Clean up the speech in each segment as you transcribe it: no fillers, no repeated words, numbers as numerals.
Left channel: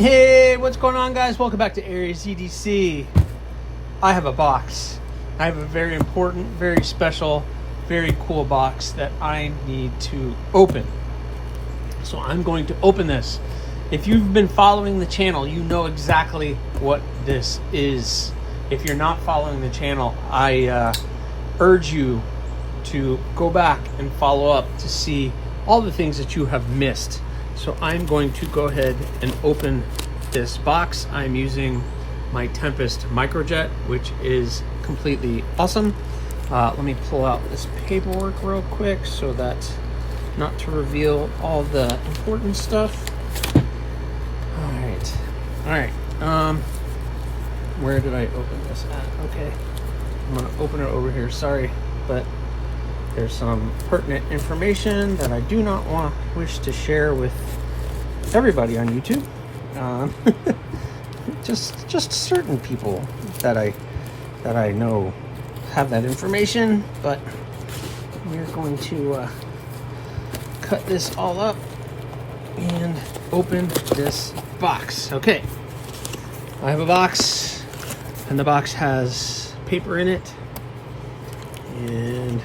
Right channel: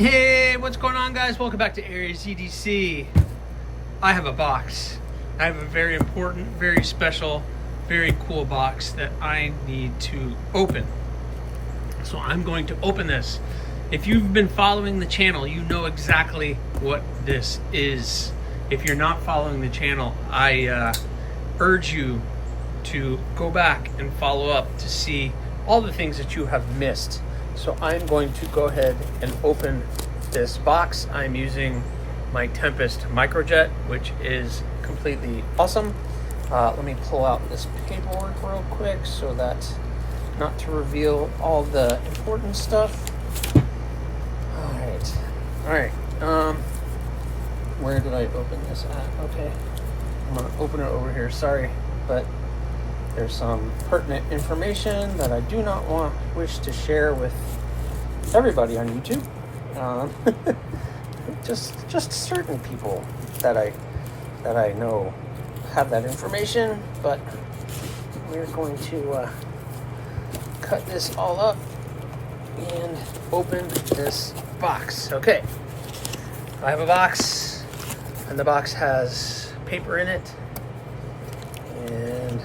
Hey, what's going on, guys? Welcome back to AriesEDC. I have a box. I have a very important, very special, very cool box that I need to open. So I'm going to open this. If you've been following the channel, you know exactly what this is. If you're not following the channel, I urge you to go back and follow up to see all the things that you have missed. So I'm going to go ahead and open this box. I'm using my Tempest Microjet, which is completely awesome. Let me pull out this paperwork real quick so that not to reveal all the important stuff. All right. Where did I open this at? Okay, I'm gonna open it over here. Sorry, but there's some pertinent information that I do not wish to share with everybody on YouTube. Just certain people that I know have that information. But we're going to cut this all up and open this box. Okay, I have a box, and the box has paper in it, and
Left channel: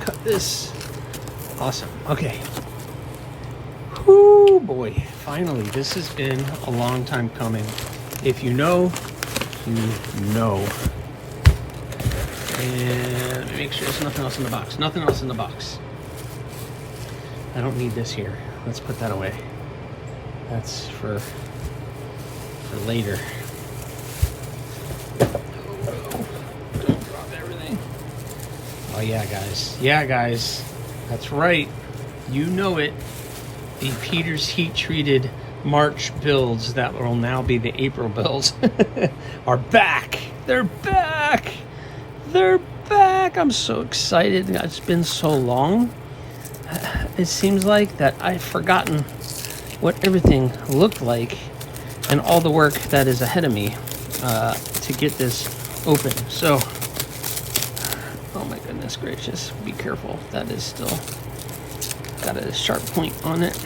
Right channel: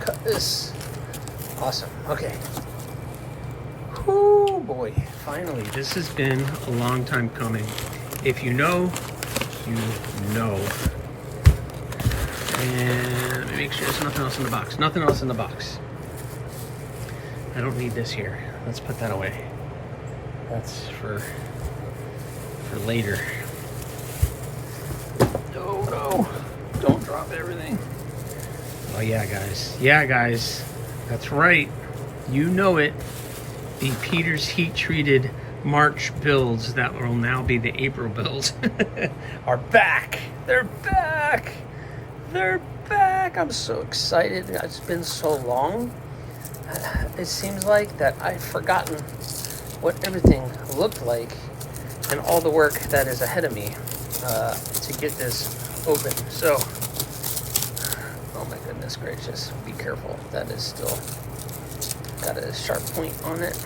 cut this. Awesome. Okay. Oh boy, finally. This has been a long time coming. If you know, you know. And let me make sure there's nothing else in the box. Nothing else in the box. I don't need this here. Let's put that away. That's for later. Oh no, don't drop everything. Oh yeah, guys. Yeah, guys. That's right. You know it. The Peters heat treated March builds that will now be the April builds are back. They're back. They're back. I'm so excited. It's been so long. It seems like that I've forgotten what everything looked like and all the work that is ahead of me to get this open. So, oh my goodness gracious, be careful. That is still got a sharp point on it.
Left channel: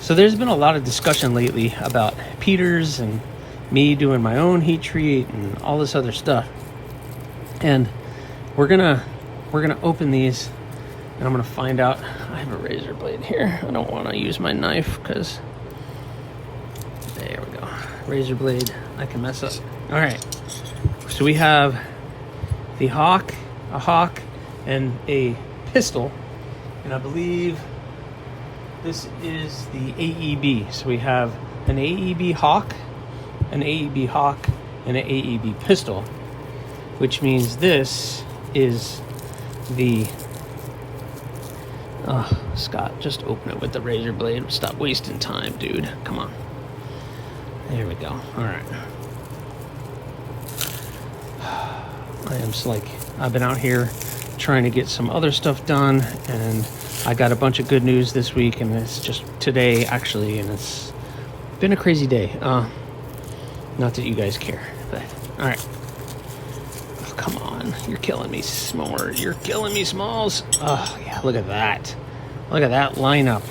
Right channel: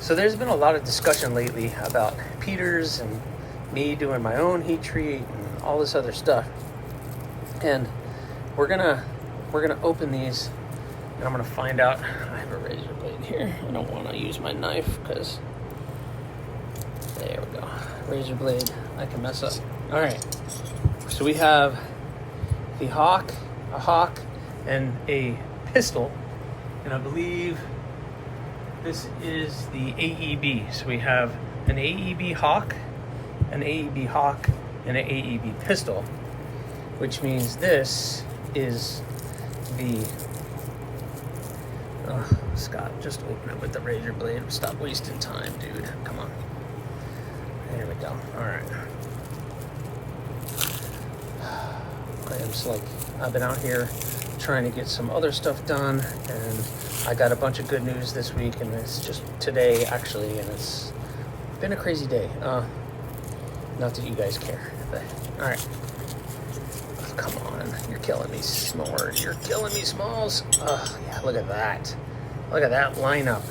So there's been a lot of discussion lately about Peters and me doing my own heat treat and all this other stuff. And we're gonna open these, and I'm gonna find out. I have a razor blade here. I don't want to use my knife because there we go. Razor blade. I can mess up. All right. So we have the hawk, a hawk, and a pistol. And I believe this is the AEB. So we have an AEB Hawk, an AEB Hawk, and an AEB pistol, which means this is the, Scott, just open it with the razor blade. Stop wasting time, dude. Come on. There we go. All right. I've been out here trying to get some other stuff done, and I got a bunch of good news this week, and it's just today actually, and it's been a crazy day. Not that you guys care, but all right. Oh, come on, you're killing me, S'mores. You're killing me, Smalls. Oh yeah, look at that. Look at that lineup.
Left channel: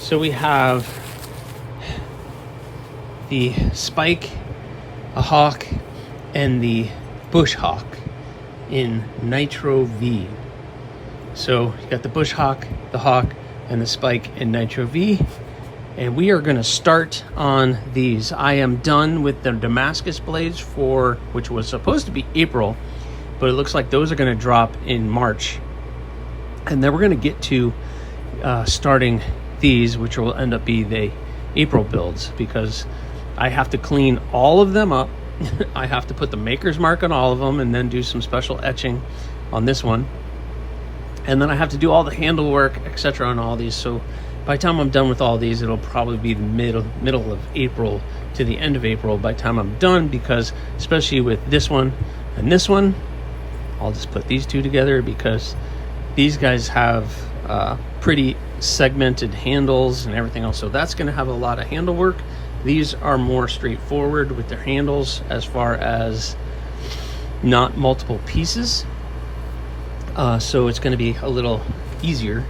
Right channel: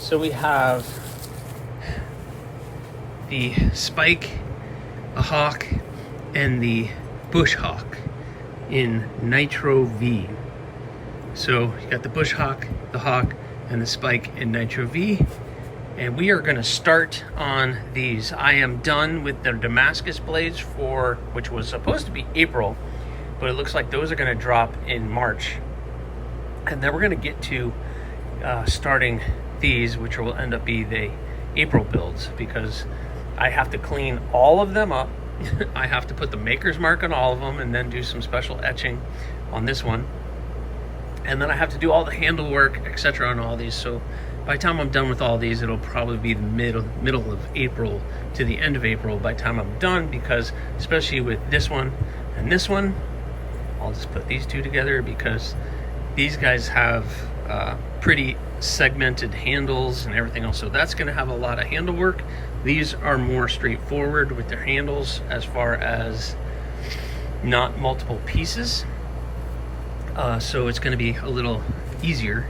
So we have the Spike, a Hawk, and the Bush Hawk in Nitro V. So you got the Bush Hawk, the Hawk, and the Spike in Nitro V. And we are gonna start on these. I am done with the Damascus blades which was supposed to be April, but it looks like those are gonna drop in March. And then we're gonna get to starting these, which will end up being the April builds, because I have to clean all of them up. I have to put the maker's mark on all of them and then do some special etching on this one. And then I have to do all the handle work, etc. on all these. So by the time I'm done with all these, it'll probably be the middle of April to the end of April by the time I'm done, because especially with this one and this one, I'll just put these two together because these guys have pretty segmented handles and everything else. So that's going to have a lot of handle work. These are more straightforward with their handles as far as not multiple pieces. So it's going to be a little easier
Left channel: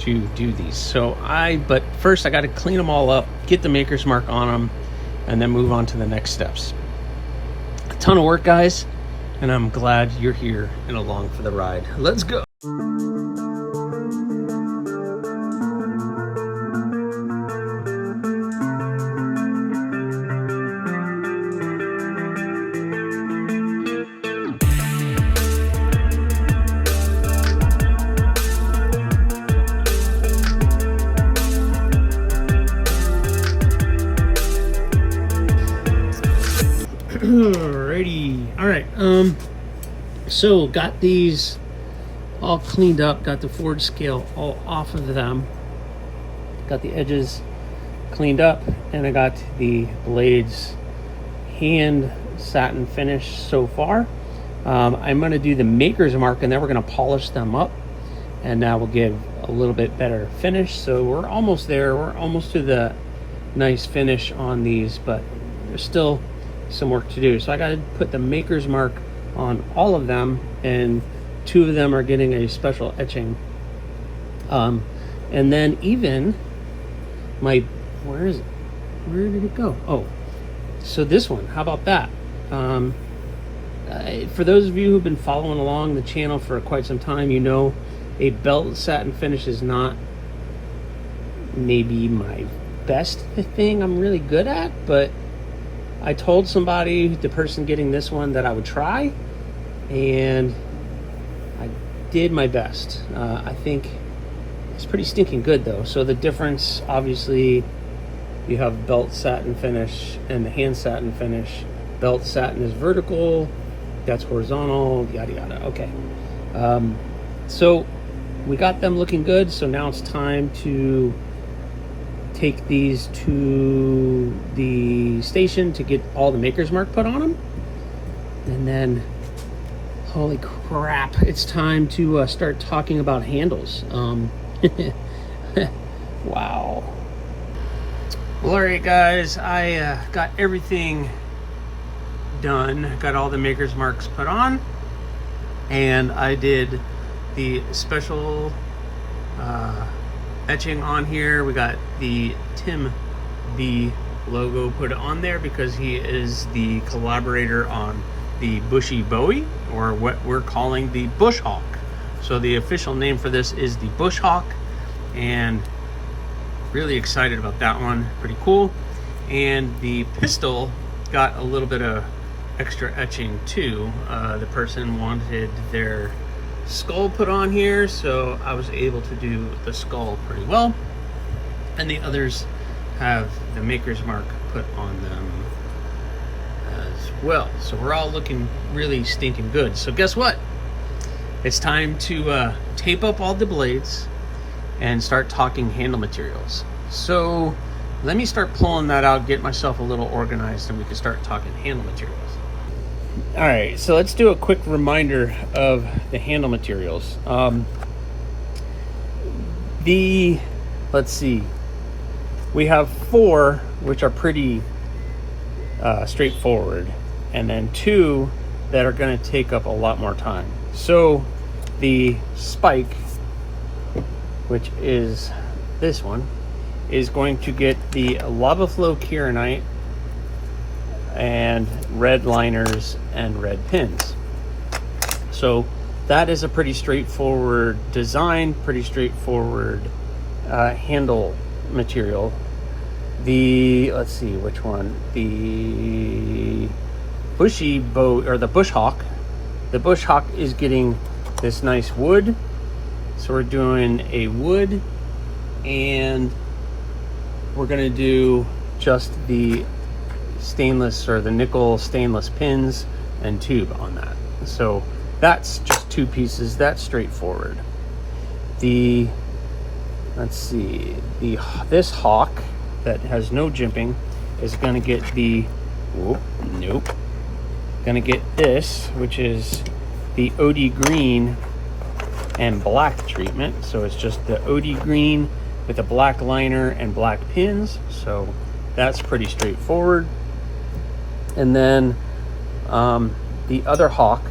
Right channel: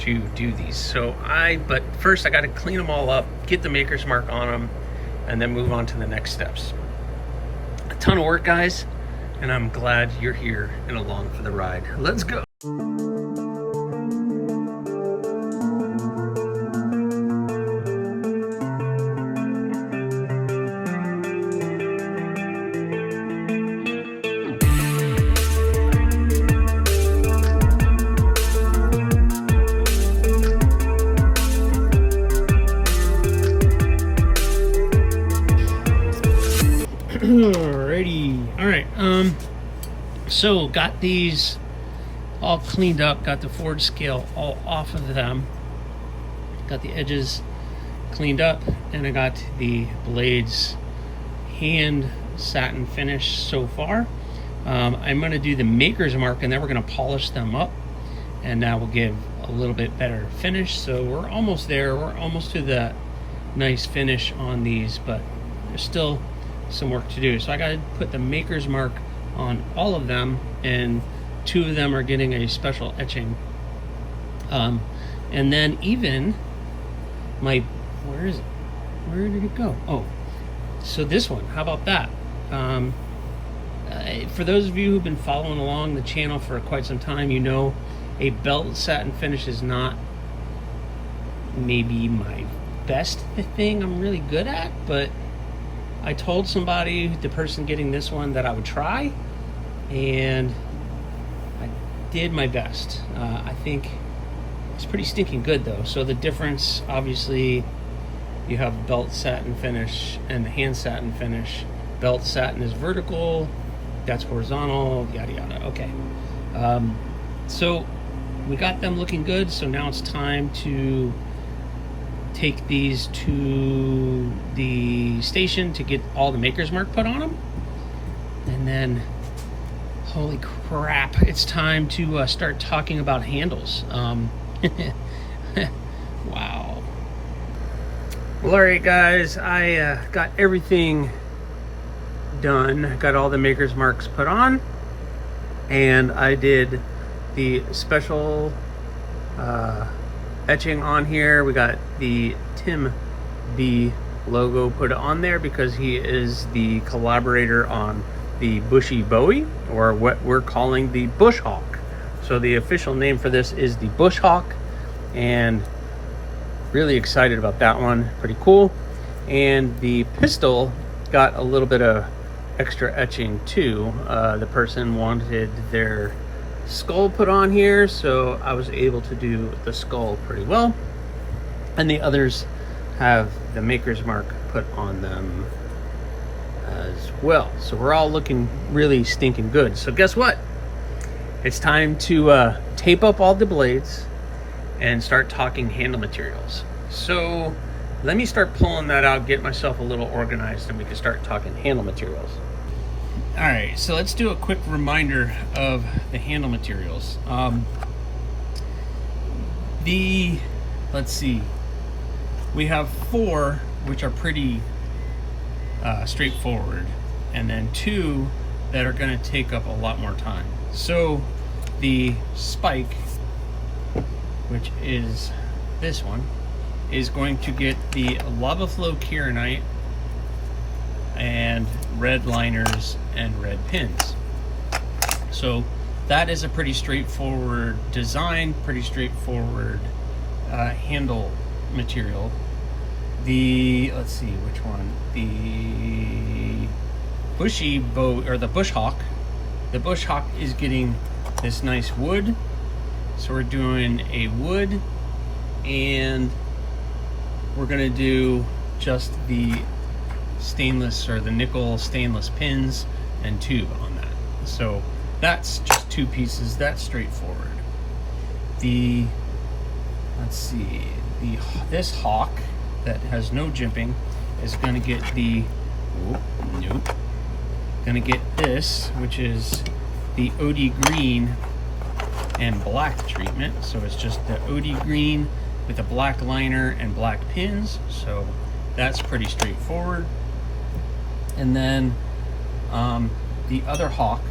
to do these. So but first I got to clean them all up, get the maker's mark on them, and then move on to the next steps. A ton of work, guys, and I'm glad you're here and along for the ride. Let's go. Alrighty. All right. So got these all cleaned up. Got the forge scale all off of them. Got the edges cleaned up, and I got the blades hand satin finish so far. I'm going to do the maker's mark, and then we're going to polish them up, and that will give a little bit better finish. So we're almost there. We're almost to the nice finish on these, but there's still some work to do. So I got to put the maker's mark on all of them, and 2 of them are getting a special etching. And then even my, where is it? Where did it go? Oh, so this one, how about that? For those of you who've been following along the channel for quite some time, you know a belt satin finish is not maybe my best thing I'm really good at, but I told somebody, the person getting this one, that I would try, and I did my best. I think it's pretty stinking good though. So the difference, obviously, you have belt satin finish and the hand satin finish. Belt satin is vertical, that's horizontal, yada yada. Okay. So we got them looking good, so now it's time to take these to the station to get all the maker's mark put on them. And then, holy crap, it's time to start talking about handles. Wow. Well, all right, guys, I got everything done. Got all the maker's marks put on, and I did the special etching on here. We got the Tim B logo put on there because he is the collaborator on the Bushy Bowie, or what we're calling the Bush Hawk. So the official name for this is the Bush Hawk, and really excited about that one. Pretty cool. And the pistol got a little bit of extra etching too. The person wanted their skull put on here, so I was able to do the skull pretty well, and the others have the maker's mark put on them as well. So we're all looking really stinking good. So guess what? It's time to tape up all the blades and start talking handle materials. So let me start pulling that out, get myself a little organized, and we can start talking handle materials. All right, so let's do a quick reminder of the handle materials. Let's see, we have 4 which are pretty straightforward, and then 2 that are going to take up a lot more time. So the spike, which is this one, is going to get the lava flow kieranite and red liners and red pins. So that is a pretty straightforward design, pretty straightforward handle material. Let's see which one, the Bushy Bow, or the Bush Hawk. The Bush Hawk is getting this nice wood, so we're doing a wood, and we're gonna do just the stainless, or the nickel stainless pins and tube on that. So that's just 2 pieces. That's straightforward. Let's see, this hawk that has no jimping is going to get gonna get this, which is the OD green and black treatment. So it's just the OD green with a black liner and black pins. So that's pretty straightforward. And then the other hawk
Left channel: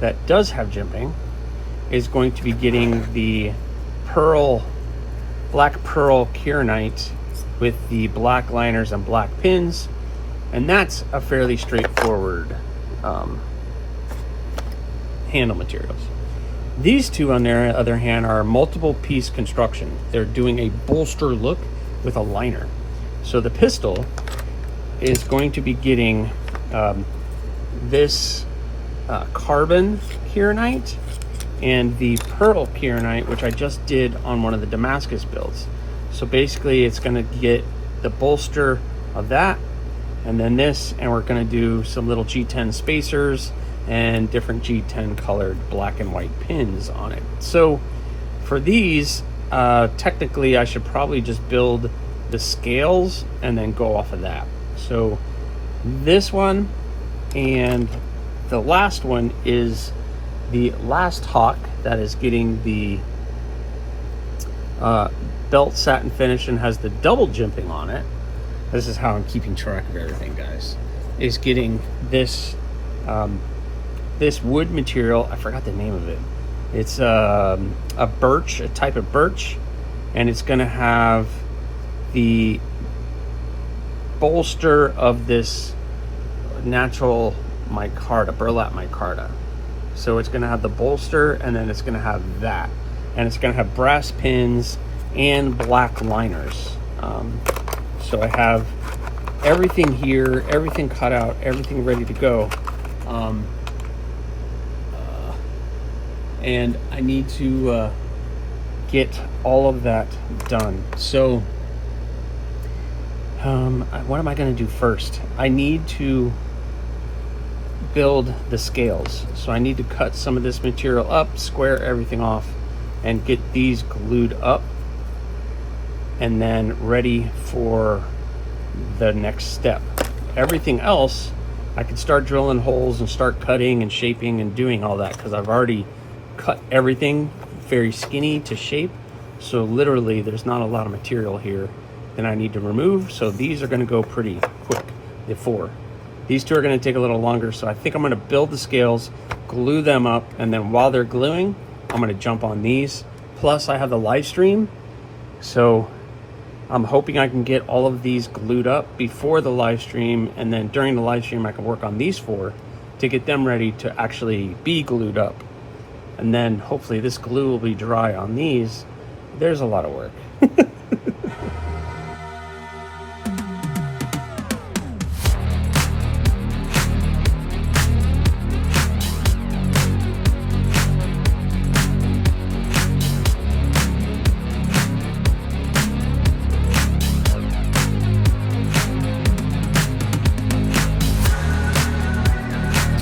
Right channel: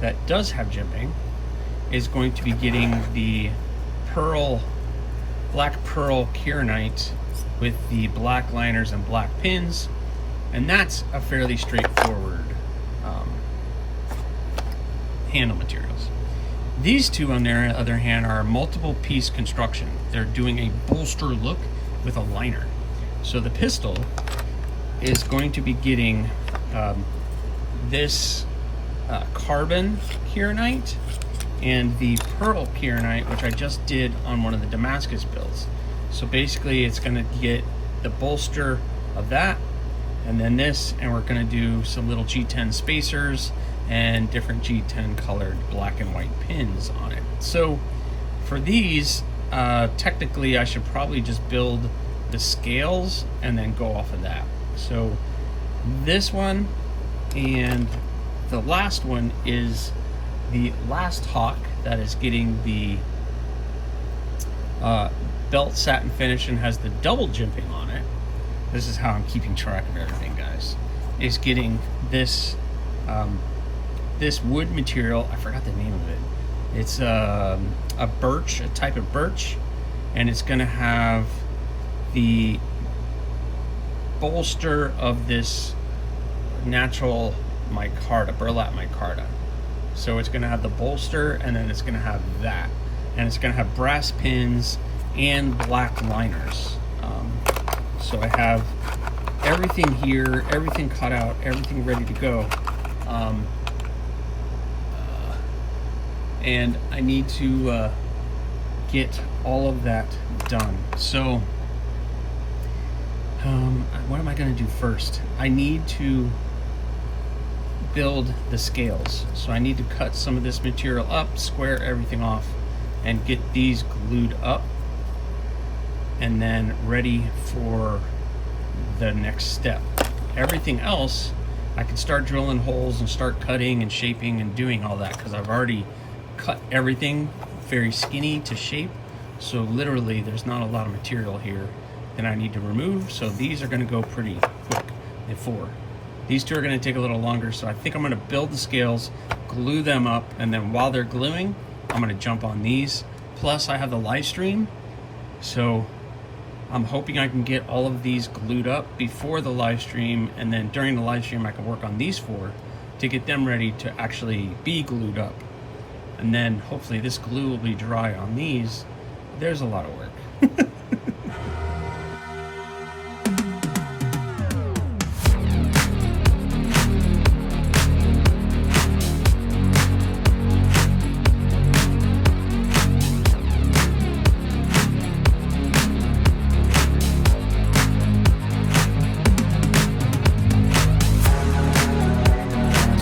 that does have jimping is going to be getting the pearl black pearl kieranite with the black liners and black pins, and that's a fairly straightforward handle materials. These two, on the other hand, are multiple piece construction. They're doing a bolster look with a liner. So the pistol is going to be getting this carbon kieranite and the pearl kieranite, which I just did on one of the Damascus builds. So basically it's going to get the bolster of that, and then this, and we're going to do some little G10 spacers and different G10 colored black and white pins on it. So for these, technically I should probably just build the scales and then go off of that. So this one and the last one is the last Hawk that is getting the belt satin finish and has the double jimping on it. This is how I'm keeping track of everything, guys. Is getting this this wood material. I forgot the name of it. It's a birch, a type of birch, and it's going to have the bolster of this natural micarta, burlap micarta. So it's going to have the bolster, and then it's going to have that, and it's going to have brass pins and black liners. So I have everything here, everything cut out, everything ready to go. And I need to get all of that done. So what am I going to do first? I need to build the scales. So I need to cut some of this material up, square everything off, and get these glued up, and then ready for the next step. Everything else, I can start drilling holes and start cutting and shaping and doing all that, because I've already cut everything very skinny to shape. So literally there's not a lot of material here that I need to remove. So these are going to go pretty quick. The four. These two are going to take a little longer. So I think I'm going to build the scales, glue them up, and then while they're gluing, I'm going to jump on these. Plus I have the live stream. So I'm hoping I can get all of these glued up before the live stream, and then during the live stream I can work on these four to get them ready to actually be glued up. And then hopefully this glue will be dry on these. There's a lot of work.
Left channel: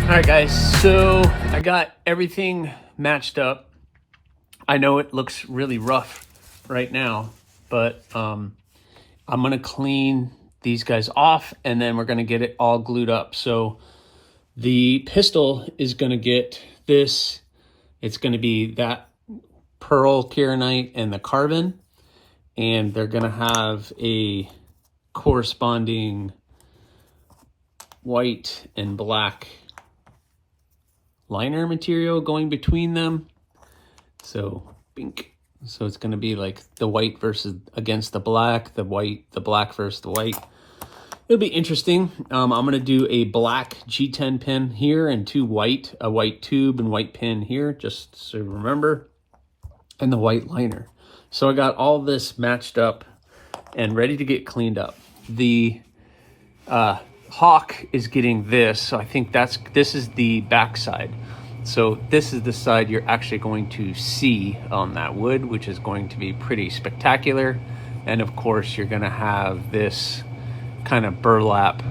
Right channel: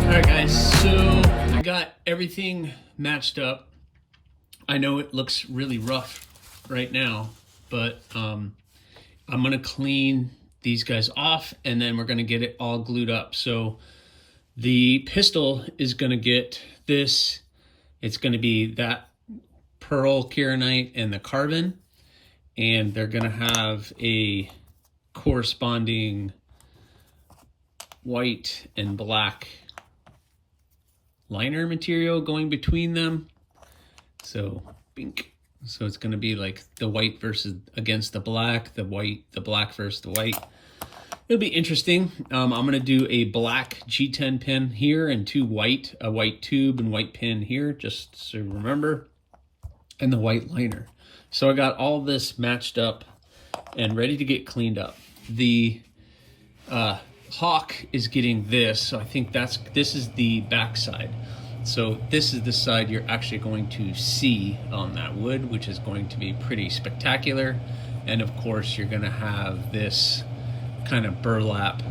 All right, guys, so I got everything matched up. I know it looks really rough right now, but I'm gonna clean these guys off, and then we're gonna get it all glued up. So the pistol is gonna get this. It's gonna be that pearl kieranite and the carbon, and they're gonna have a corresponding white and black liner material going between them. So pink. So it's going to be like the white versus against the black, the black versus the white. It'll be interesting. I'm going to do a black G10 pin here and two white, a white tube and white pin here, just so remember, and the white liner. So I got all this matched up and ready to get cleaned up. The Hawk is getting this, so I think this is the back side. So this is the side you're actually going to see on that wood, which is going to be pretty spectacular. And of course you're going to have this kind of burlap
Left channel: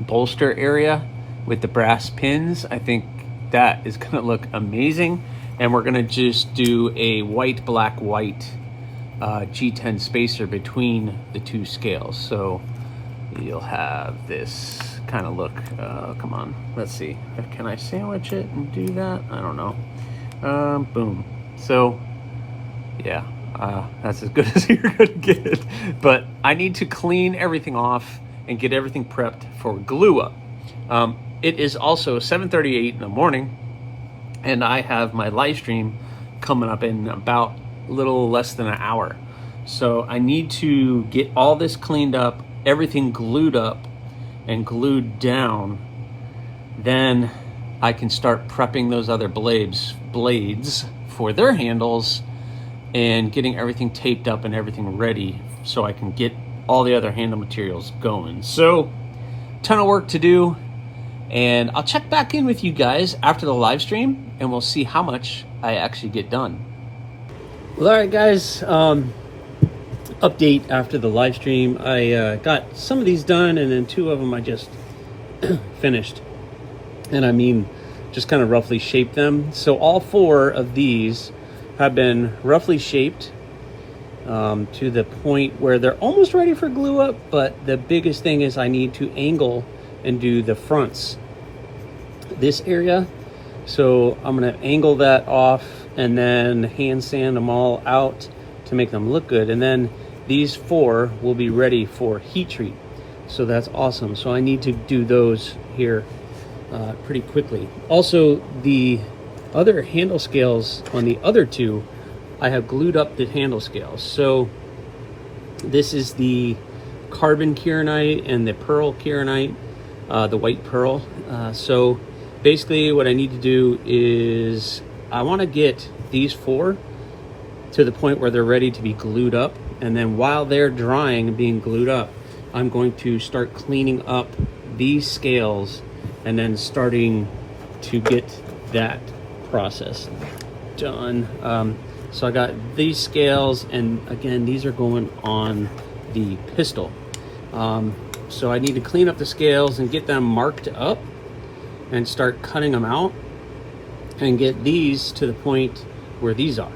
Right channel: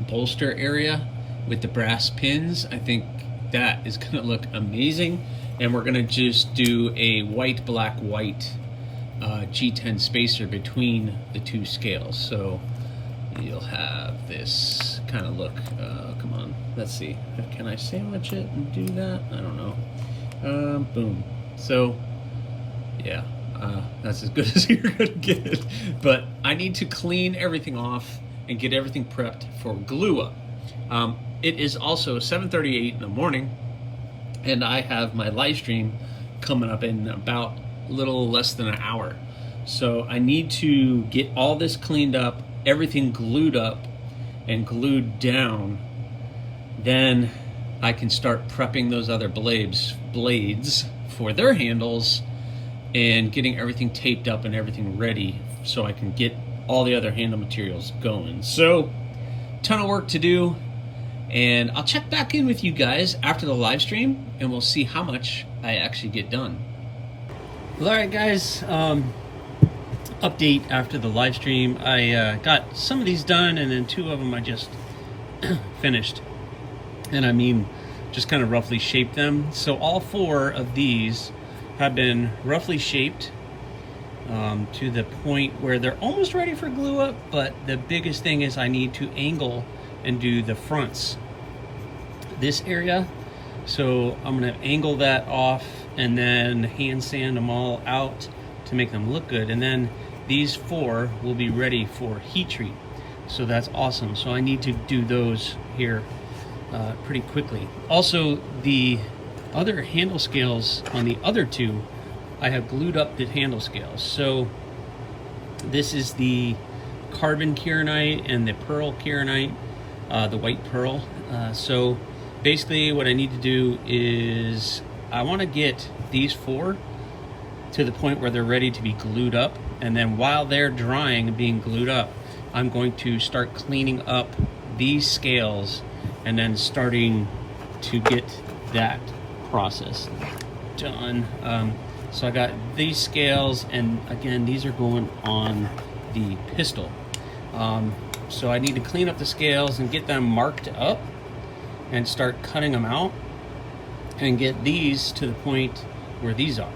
bolster area with the brass pins. I think that is going to look amazing. And we're going to just do a white, black, white G10 spacer between the two scales. So you'll have this kind of look. Come on, let's see. Can I sandwich it and do that? I don't know. Boom. So, yeah, that's as good as you're gonna get. But I need to clean everything off and get everything prepped for glue up. It is also 7:38 in the morning, and I have my live stream coming up in about a little less than an hour. So I need to get all this cleaned up, everything glued up and glued down. Then I can start prepping those other blades for their handles and getting everything taped up and everything ready so I can get all the other handle materials going. So, ton of work to do, and I'll check back in with you guys after the live stream and we'll see how much I actually get done. Well, all right guys, update after the live stream. I got some of these done, and then 2 of them I just finished. And I mean, just kind of roughly shaped them. So all 4 of these have been roughly shaped to the point where they're almost ready for glue up, but the biggest thing is I need to angle and do the fronts, this area. So I'm gonna angle that off and then hand sand them all out to make them look good. And then these 4 will be ready for heat treat. So that's awesome. So I need to do those here pretty quickly. Also, the other handle scales on the other 2, I have glued up the handle scales. So this is the carbon kieranite and the pearl kieranite, the white pearl. So basically what I need to do is I want to get these 4 to the point where they're ready to be glued up, and then while they're drying and being glued up, I'm going to start cleaning up these scales and then starting to get that process done. So I got these scales, and again, these are going on the pistol. So I need to clean up the scales and get them marked up and start cutting them out and get these to the point where these are.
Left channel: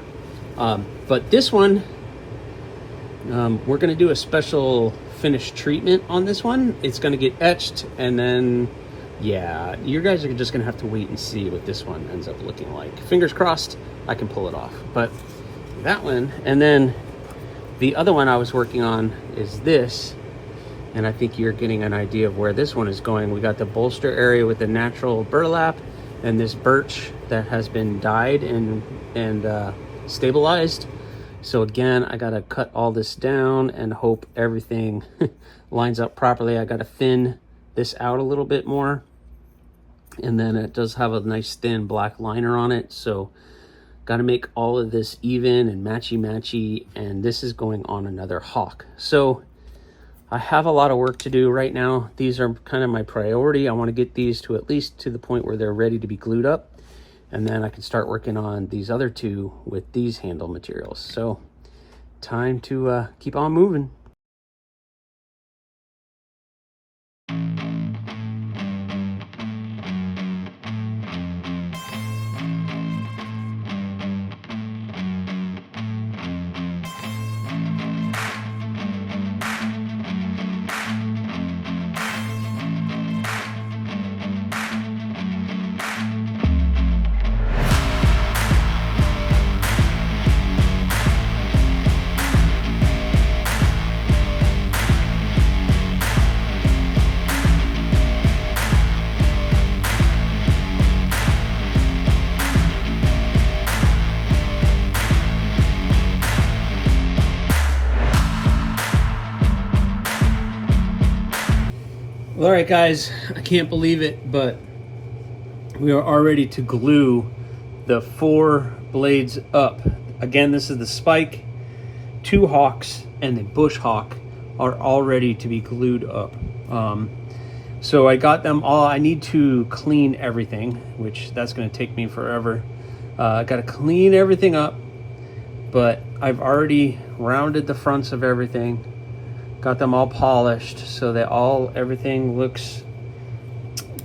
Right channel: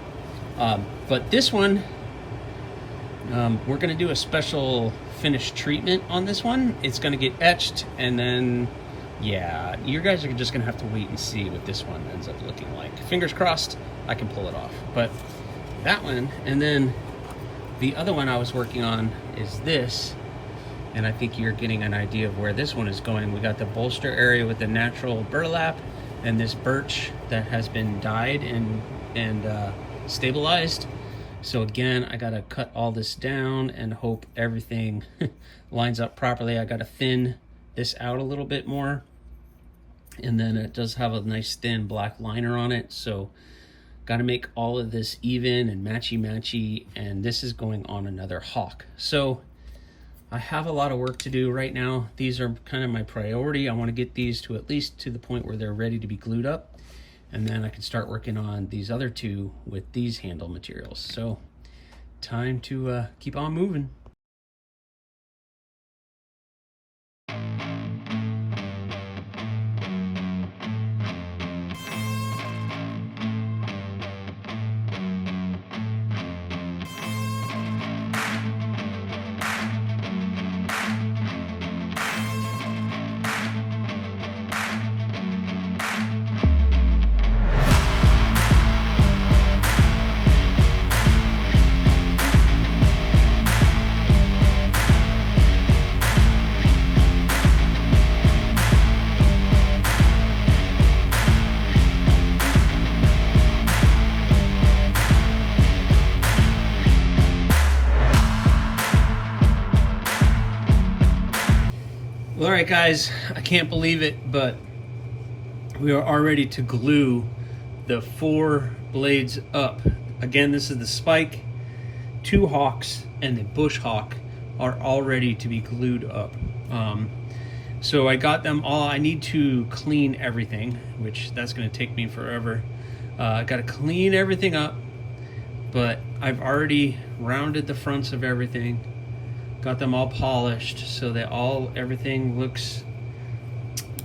But this one, we're gonna do a special finish treatment on this one. It's gonna get etched, and then, yeah, you guys are just gonna have to wait and see what this one ends up looking like. Fingers crossed I can pull it off. But that one, and then the other one I was working on is this, and I think you're getting an idea of where this one is going. We got the bolster area with the natural burlap and this birch that has been dyed and stabilized. So again, I gotta cut all this down and hope everything lines up properly. I gotta thin this out a little bit more, and then it does have a nice thin black liner on it. So gotta make all of this even and matchy, and this is going on another hawk. So I have a lot of work to do right now. These are kind of my priority. I want to get these to at least to the point where they're ready to be glued up, and then I can start working on these other 2 with these handle materials. So time to keep on moving. All right, guys, I can't believe it, but we are all ready to glue the 4 blades up. Again, this is the spike, 2 hawks, and the bush hawk are all ready to be glued up. So I got them all. I need to clean everything, which that's going to take me forever. I got to clean everything up, but I've already rounded the fronts of everything. Got them all polished so that everything looks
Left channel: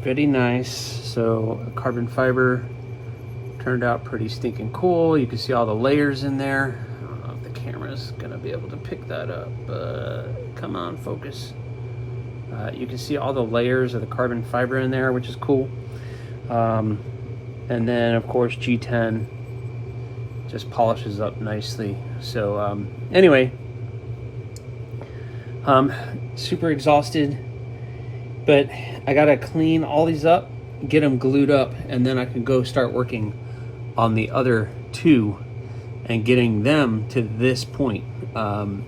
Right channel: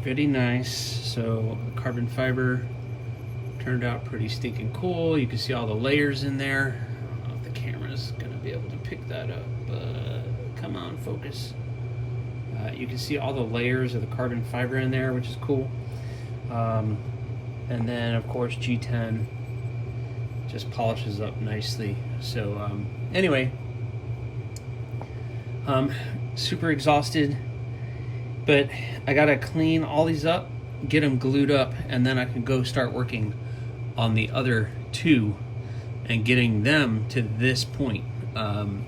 pretty nice. So carbon fiber turned out pretty stinking cool. You can see all the layers in there. I don't know if the camera's gonna be able to pick that up. Come on, focus. You can see all the layers of the carbon fiber in there, which is cool. And then of course G10 just polishes up nicely. So anyway, super exhausted, but I gotta clean all these up, get them glued up, and then I can go start working on the other 2 and getting them to this point.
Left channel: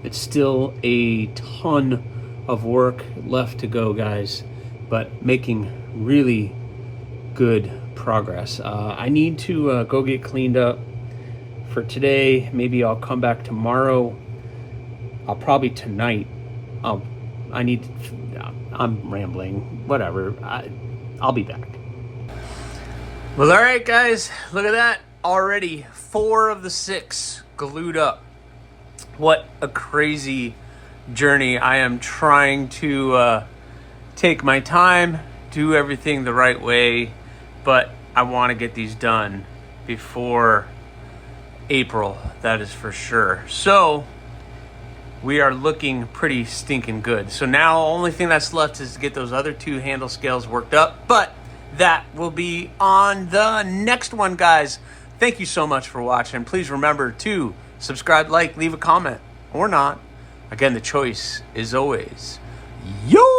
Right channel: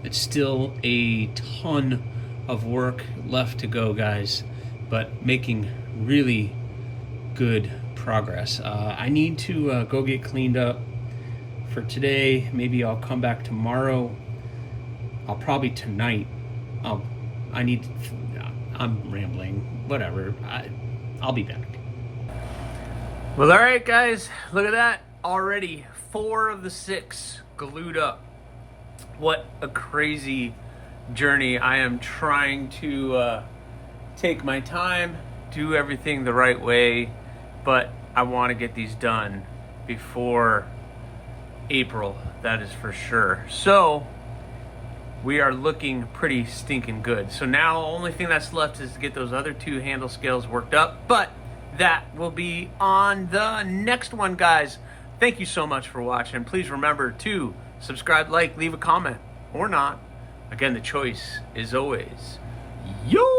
It's still a ton of work left to go, guys, but making really good progress. I need to go get cleaned up for today. Maybe I'll come back tomorrow. I'll probably tonight. I'm rambling. Whatever. I'll be back. Well, all right, guys. Look at that. Already 4 of the 6 glued up. What a crazy journey. I am trying to take my time, do everything the right way, but I want to get these done before April. That is for sure. So we are looking pretty stinking good. So now the only thing that's left is to get those other 2 handle scales worked up, but that will be on the next one, guys. Thank you so much for watching. Please remember to subscribe, like, leave a comment, or not. Again, the choice is always yours.